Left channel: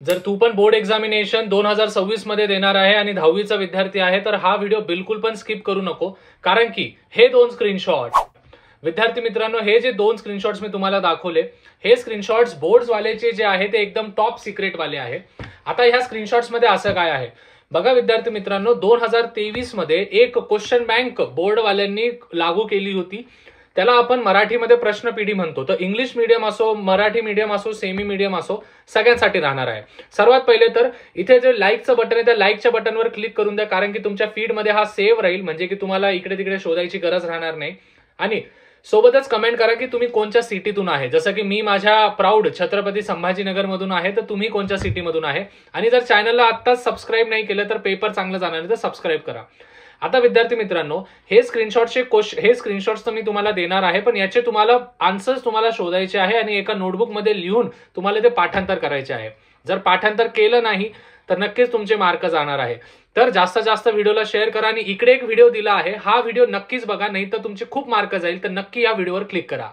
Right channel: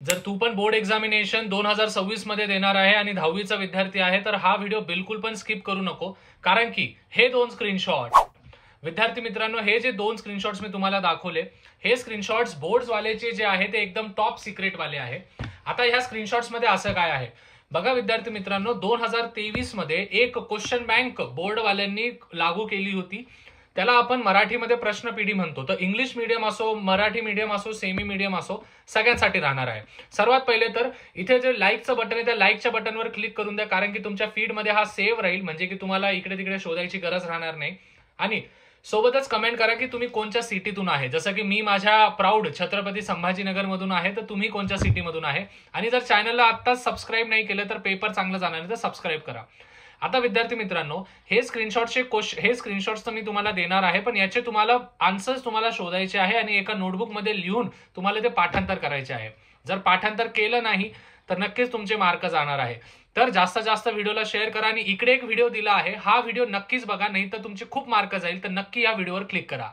जर तू पण board examination 2026 मध्ये देणार आहे आणि 10वीचा विद्यार्थी आहे तर हा व्हिडिओ बिलकुल पण स्किप करू नको, कारण की हे दोन स्क्रीनशॉट विद्यार्थी मित्रांनो, हे जे दोन स्क्रीनशॉट्स मी तुम्हाला दाखवले, हे स्क्रीनशॉट्स बोर्ड वालेचे जे आहे ते एकदम टॉप सिक्रेट वाले आहे। आता ह्या स्क्रीनशॉट्स मध्ये असं काय आहे बघा विद्यार्थी मित्रांनो, 2023 मध्ये एक क्वेश्चन बँक बोर्ड वाल्यांनी लागू केली होती, त्याला आपण मराठीमध्ये प्रश्नपिढी म्हणतो। तर इंग्लिश मीडियम असो, मराठी मीडियम असो, सेमी मीडियम असो, सगळ्यांसाठी राहणार आहे। सर्वात पहिले तर इथे जे लाईकचं बटन आहे त्या लाईकच्या बटनवर क्लिक करून द्या, कारण की तुमच्या फीडमध्ये हा सेव्ह राहील, म्हणजे की तुम्हाला इकडे तिकडे शोधायची गरज राहणार नाही। आणि सोबतच कमेंट करा की तुम्ही कोणत्या सिटीतून आहे, जसं की मी माझ्या प्राऊड छत्रपती संभाजीनगर मधून आहे, तर तुम्ही कोणत्या सिटीमधून आहे। आणि जर चॅनलला आत्ताच सबस्क्राईब नाही केलं तर पेपर चांगलं जाणार नाही, तर सबस्क्राईब करा। आता विद्यार्थी मित्रांनो, हे स्क्रीनशॉट्स तर मी तुम्हाला देणार आहे, पण याचे तुम्हाला आन्सर्स तुम्हाला शोधायचे आहे आणि एका नोटबुक मध्ये लिहून तुम्हाला ते पाठांतर करायचे आहे। जर पाठांतर केलं नाही तर नक्कीच तुमचे मार्क जाणार आहे। तर जास्तीत जास्त व्हिडिओला शेअर करा आणि इकडे एक व्हिडिओ दिला आहे, हा व्हिडिओ नक्कीच बघा, नाही तर तुमचे खूप मार्क जाईल, तर नक्की या व्हिडिओवर क्लिक करा।